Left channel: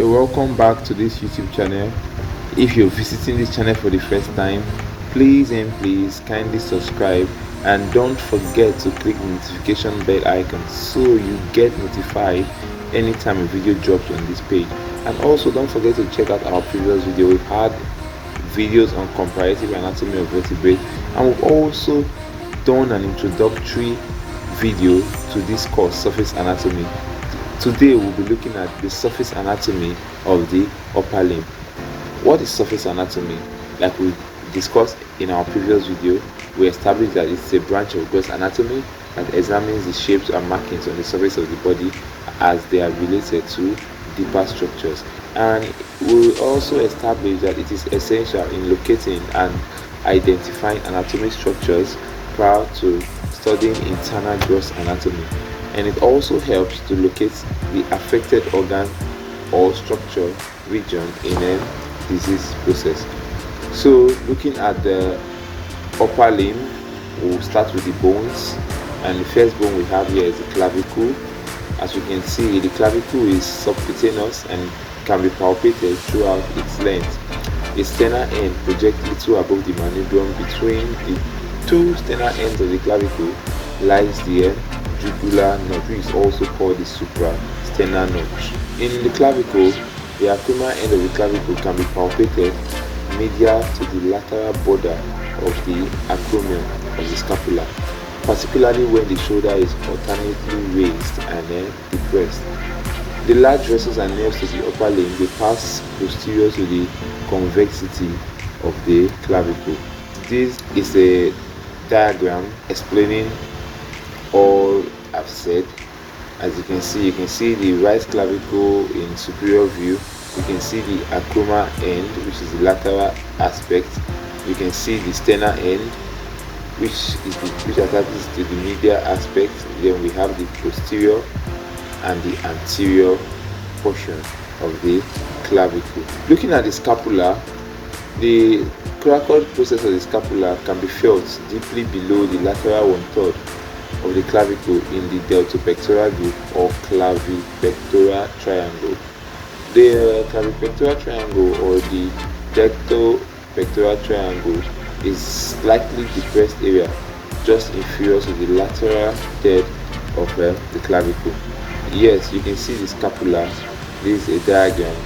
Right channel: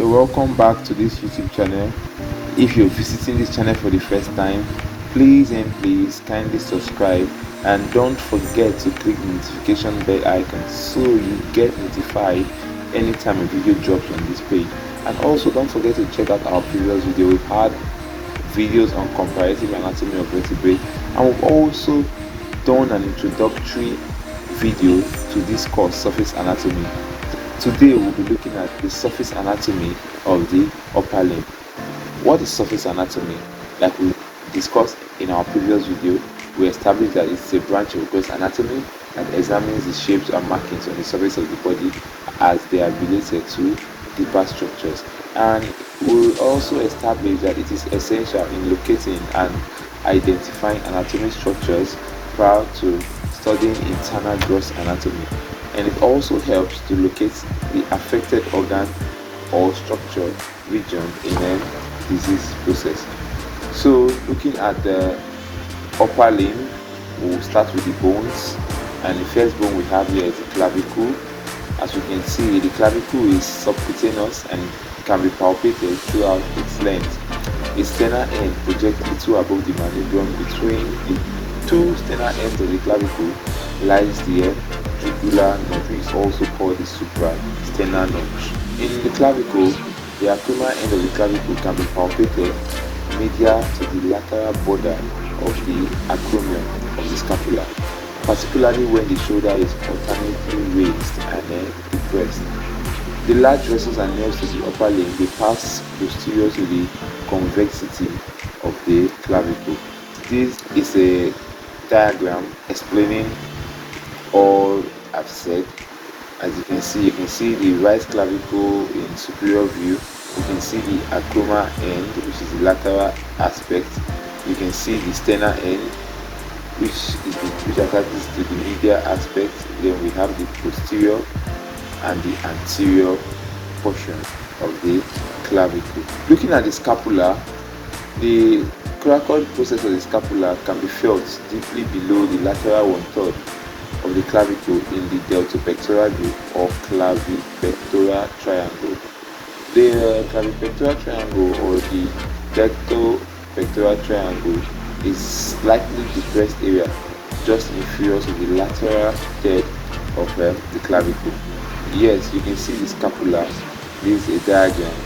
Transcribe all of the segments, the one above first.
You're welcome back to this YouTube channel. If you're visiting this channel for the first time, please kindly subscribe and don't forget to click the notification bell icon so you get notified anytime a video drops on this page. And also don't forget to check out our previous video. We've had videos on comparative anatomy of vertebrae, and we've also done an introductory video to this course, surface anatomy. Today we'll be looking at the surface anatomy of the upper limb. What is surface anatomy? Like we discussed in our previous video, we established that it's a branch of gross anatomy that examines the shapes and markings on the surface of the body as they are related to deeper structures. And we also established that it is essential in locating and identifying anatomic structures prior to studying internal gross anatomy. And it also helps to locate the affected organ or structure region in a disease process. So looking at the upper limb, we'll start with the bones, and the first bone we have here is the clavicle. As you can see, the clavicle is subcutaneous and can be palpated throughout its length. The sternal end projects little above the manubrium. Between the two sternal ends of the clavicle lies the jugular notch, which is also called the suprasternal notch. In the clavicle, the acromial end of the clavicle can be palpated medial to the lateral border of the acromion of the scapula, particularly when the shoulder is alternately raised and depressed. The large vessels and nerves of the upper limb, they pass posterior to the convexity of the clavicle. This is a diagram explaining all I've said. As you can see the right clavicle in superior view. You can see the acromial end, which is the lateral aspect. You can see the sternal end, which attaches to the medial aspect. Then we have the posterior and the anterior portion of the clavicle. Looking at the scapula, the coracoid process of the scapula can be felt deeply below the lateral 1/3 of the clavicle in the deltopectoral group or clavipectoral triangle. The clavipectoral triangle or the deltopectoral triangle is slightly depressed area just inferior to the lateral third of the clavicle. Yes, you can see the scapula. This is a diagram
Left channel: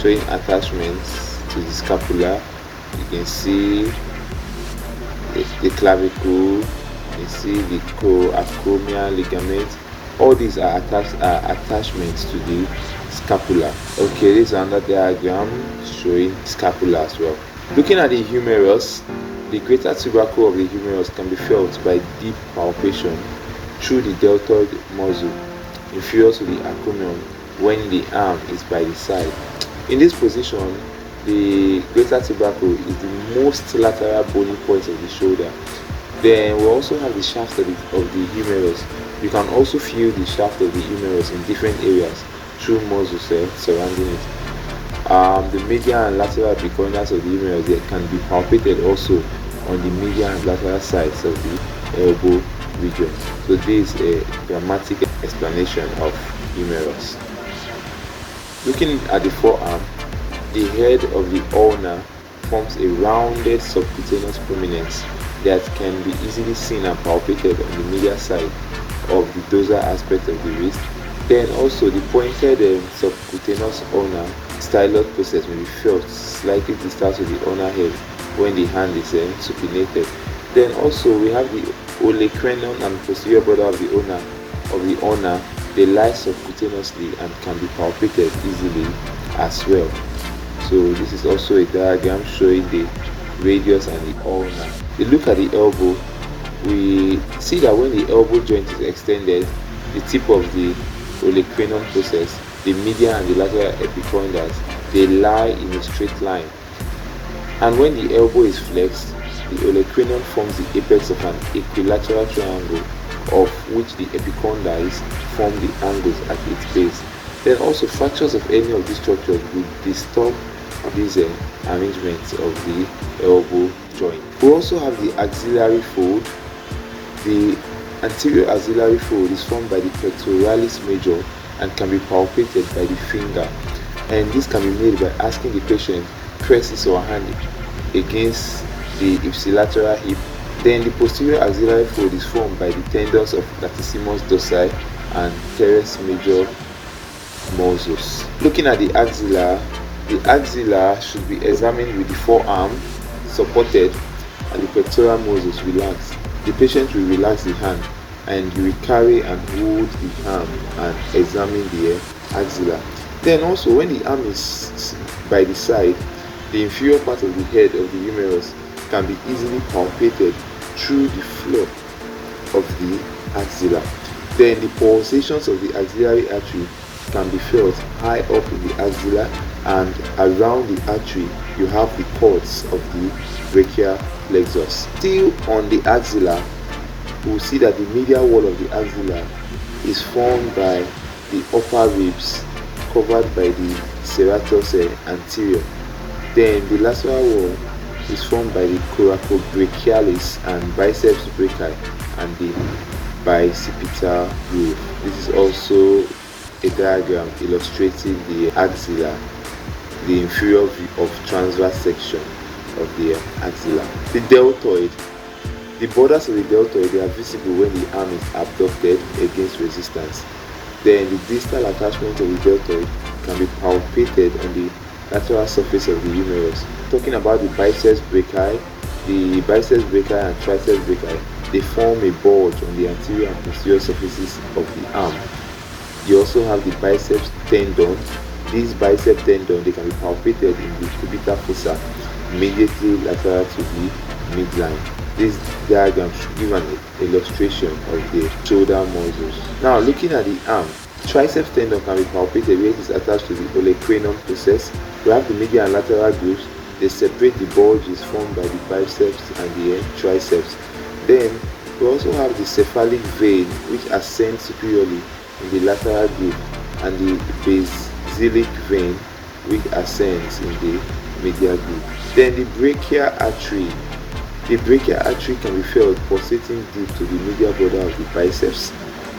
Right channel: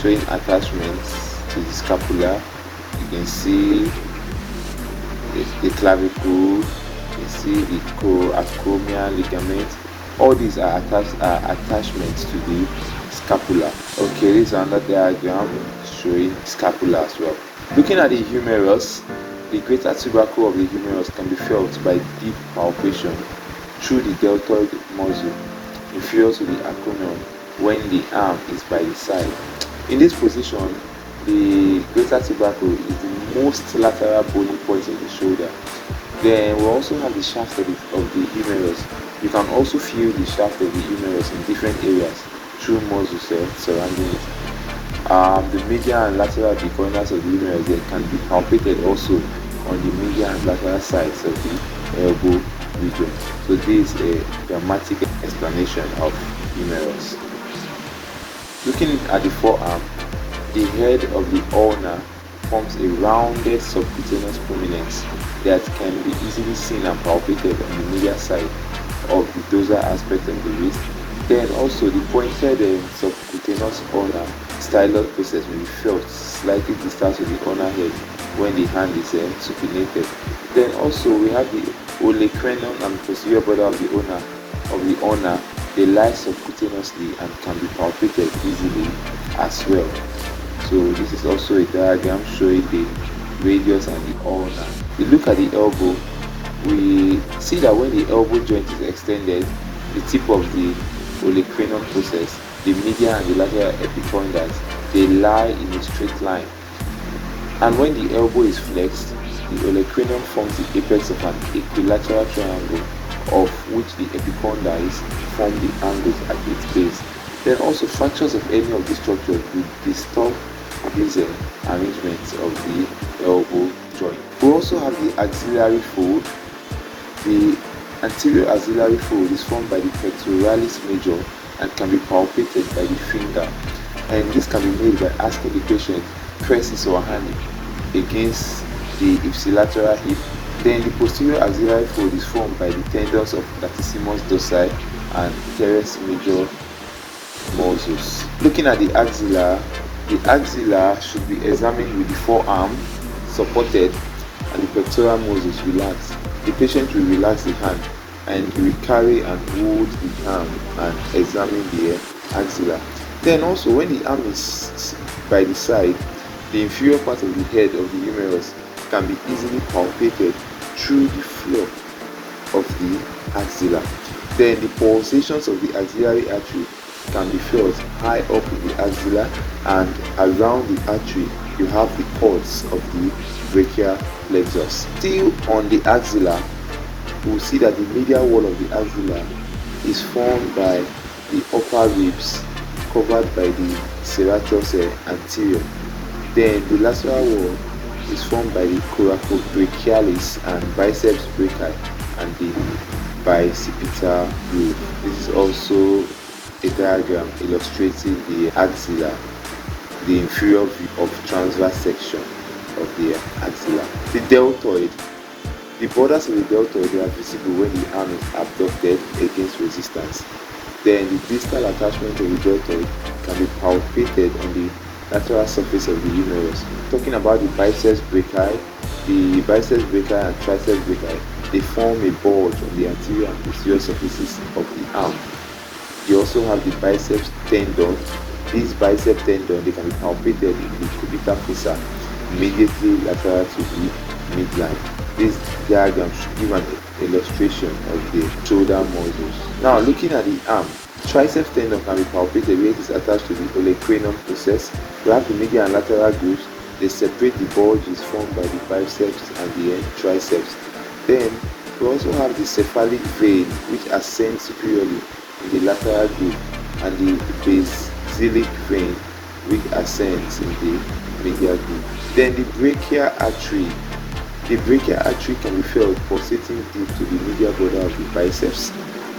showing attachments to the scapula. You can see the clavicle. You see the acromial ligament. All these are attachments to the scapula. Okay, this is another diagram showing scapula as well. Looking at the humerus, the greater tubercle of the humerus can be felt by deep palpation through the deltoid muscle inferior to the acromion when the arm is by the side. In this position, the greater tubercle is the most lateral bony point of the shoulder. Then we also have the shaft of the humerus. You can also feel the shaft of the humerus in different areas through muscles surrounding it. The medial and lateral epicondyles of the humerus, they can be palpated also on the medial and lateral sides of the elbow region. So this is a dramatic explanation of humerus. Looking at the forearm, the head of the ulna forms a rounded subcutaneous prominence that can be easily seen and palpated on the medial side of the dorsal aspect of the wrist. Then also the pointed subcutaneous ulnar styloid process may be felt slightly distal to the ulnar head when the hand is supinated. Then also we have the olecranon and posterior border of the ulna. They lie subcutaneously and can be palpated easily as well. So this is also a diagram showing the radius and the ulna. We look at the elbow, we see that when the elbow joint is extended, the tip of the olecranon process, the medial and the lateral epicondyles, they lie in a straight line. And when the elbow is flexed, the olecranon forms the apex of an equilateral triangle, of which the epicondyles form the angles at its base. Then also fractures of any of these structures will distort these arrangements of the elbow joint. We also have the axillary fold. The anterior axillary fold is formed by the pectoralis major and can be palpated by the finger. and this can be made by asking the patient press his or her hand against the ipsilateral hip. Then the posterior axillary fold is formed by the tendons of latissimus dorsi and teres major muscles. Looking at the axilla should be examined with the forearm supported and the pectoral muscles relaxed. The patient will relax the hand and he will carry and hold the arm and examine the axilla. Then also, when the arm is by the side, the inferior part of the head of the humerus can be easily palpated through the floor of the axilla. Then the pulsations of the axillary artery can be felt high up in the axilla, and around the artery you have the cords of the brachial plexus. Still on the axilla, we'll see that the medial wall of the axilla is formed by the upper ribs covered by the serratus anterior. Then the lateral wall is formed by the coracobrachialis and biceps brachii and the bicipital groove. This is also a diagram illustrating the axilla, the inferior view of transverse section of the axilla. The deltoid. The borders of the deltoid, they are visible when the arm is abducted against resistance. Then the distal attachment of the deltoid can be palpated on the lateral surface of the humerus. Talking about the biceps brachii and triceps brachii, they form a bulge on the anterior and posterior surfaces of the arm. You also have the biceps tendon. This bicep tendon, they can be palpated in the cubital fossa immediately lateral to the midline. This diagram should give an illustration of the shoulder muscles. Now, looking at the arm, triceps tendon can be palpated where it is attached to the olecranon process. We have the medial and lateral grooves. They separate the bulges formed by the biceps and the triceps. Then we also have the cephalic vein, which ascends superiorly in the lateral groove, and the basilic vein, which ascends in the medial groove. Then the brachial artery. The brachial artery can be felt pulsating deep to the medial border of the biceps.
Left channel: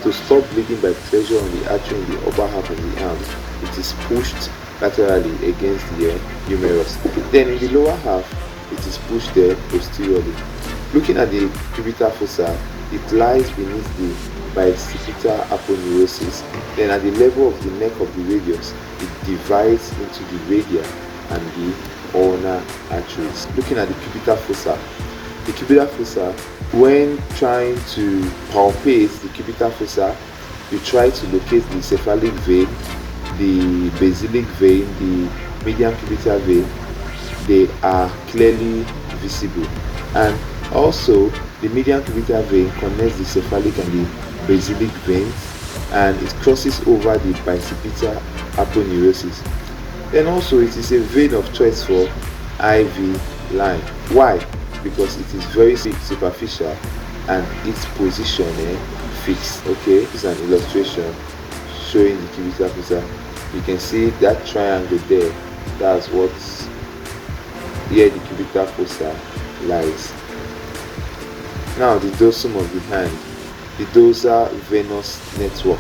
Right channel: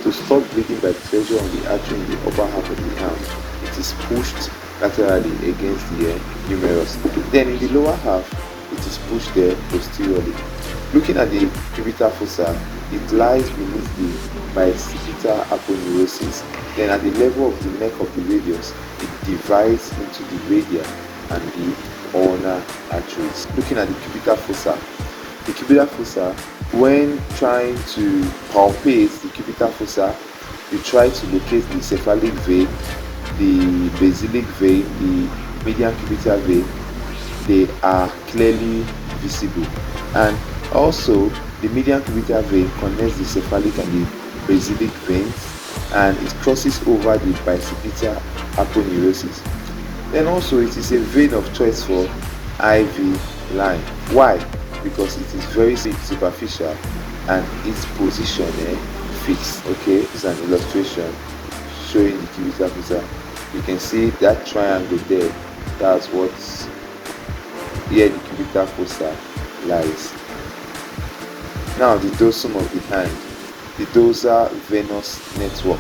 To stop bleeding by pressure on the artery in the upper half of the arm, it is pushed laterally against the humerus. Then in the lower half, it is pushed there posteriorly. Looking at the cubital fossa, it lies beneath the bicipital aponeurosis. Then at the level of the neck of the radius, it divides into the radial and the ulnar arteries. Looking at the cubital fossa, when trying to palpate the cubital fossa, you try to locate the cephalic vein, the basilic vein, the median cubital vein. They are clearly visible. And also, the median cubital vein connects the cephalic and the basilic veins, and it crosses over the bicipital aponeurosis. Then also, it is a vein of choice for IV line. Why? Because it is very superficial and its position fixed. Okay, this is an illustration showing the cubital fossa. You can see that triangle there. That's what's here. The cubital fossa lies. Now the dorsum of the hand, the dorsal venous network.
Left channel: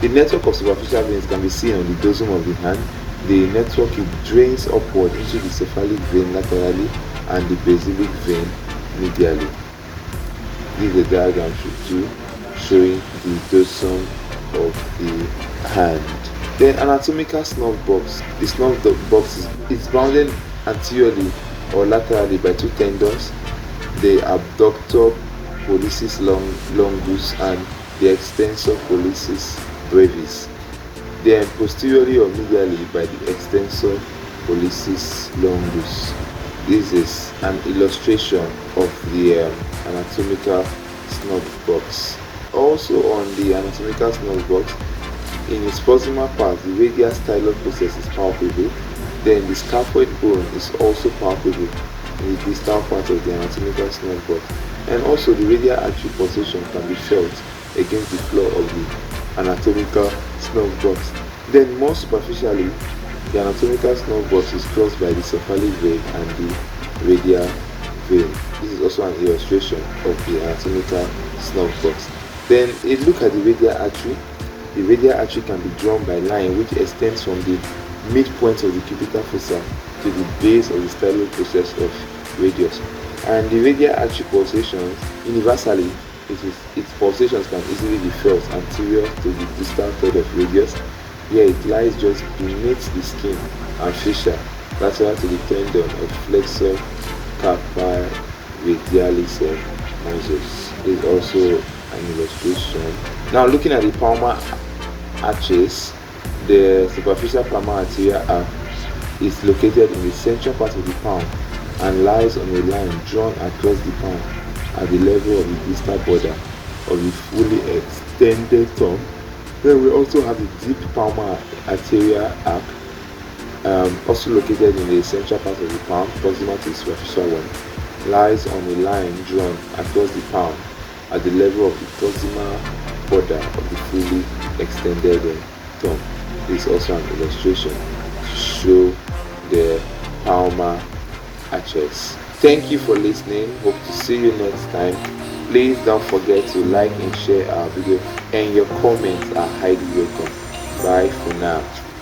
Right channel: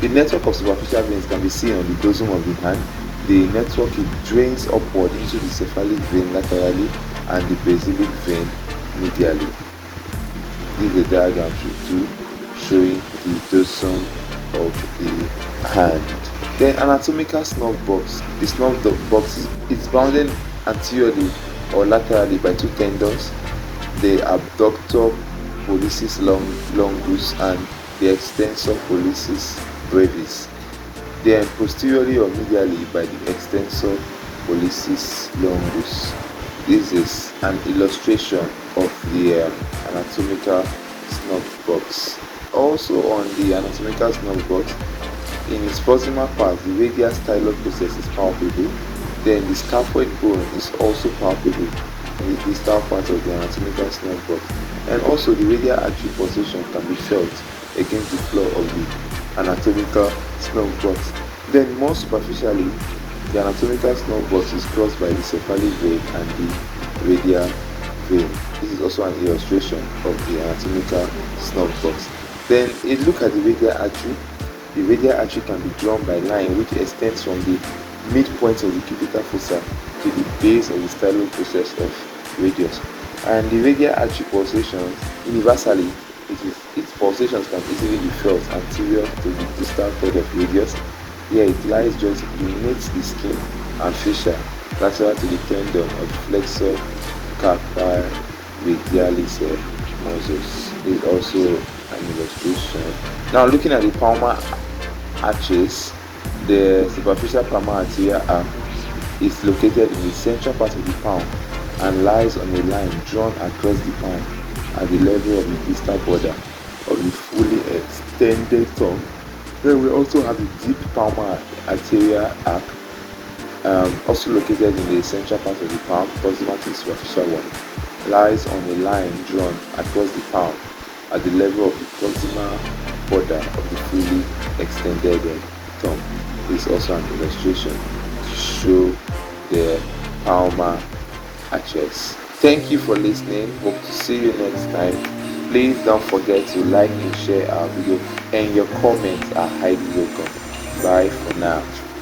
The network of superficial veins can be seen on the dorsum of the hand. The network, it drains upward into the cephalic vein laterally and the basilic vein medially. This is a diagram showing the dorsum of the hand. Then anatomical snub box. The snub box is bounded anteriorly or laterally by two tendons, the abductor pollicis longus and the extensor pollicis brevis. Then posteriorly or medially by the extensor pollicis longus. This is an illustration of the anatomical snub box. Also on the anatomical snub box, in its proximal part, the radial styloid process is palpable. Then the scaphoid bone is also palpable in the distal part of the anatomical snub box. And also the radial artery pulsation can be felt against the floor of the anatomical snub box. Then more superficially, the anatomical snub box is crossed by the cephalic vein and the radial vein. This is also an illustration of the anatomical snub box. Then a look at the radial artery. The radial artery can be drawn by line which extends from the midpoint of the cubital fossa to the base of the stylo process of radius. And the radial artery pulsations, universally, its pulsations can easily be felt anterior to the distal third of radius. Here it lies just beneath the skin and fascia, lateral to the tendon of flexor carpi radialis majus. This is also an illustration. Now looking at the palmar arches, the superficial palmar arterial arc is located in the central part of the palm and lies on a line drawn across the palm at the level of the distal border of the fully extended thumb. Then we also have the deep palmar arterial arc, also located in the central part of the palm, proximal to the superficial one, lies on a line drawn across the palm at the level of the proximal border of the fully extended thumb. This is also an illustration to show the palmar arches. Thank you for listening. Hope to see you next time. Please don't forget to like and share our video, and your comments are highly welcome. Bye for now.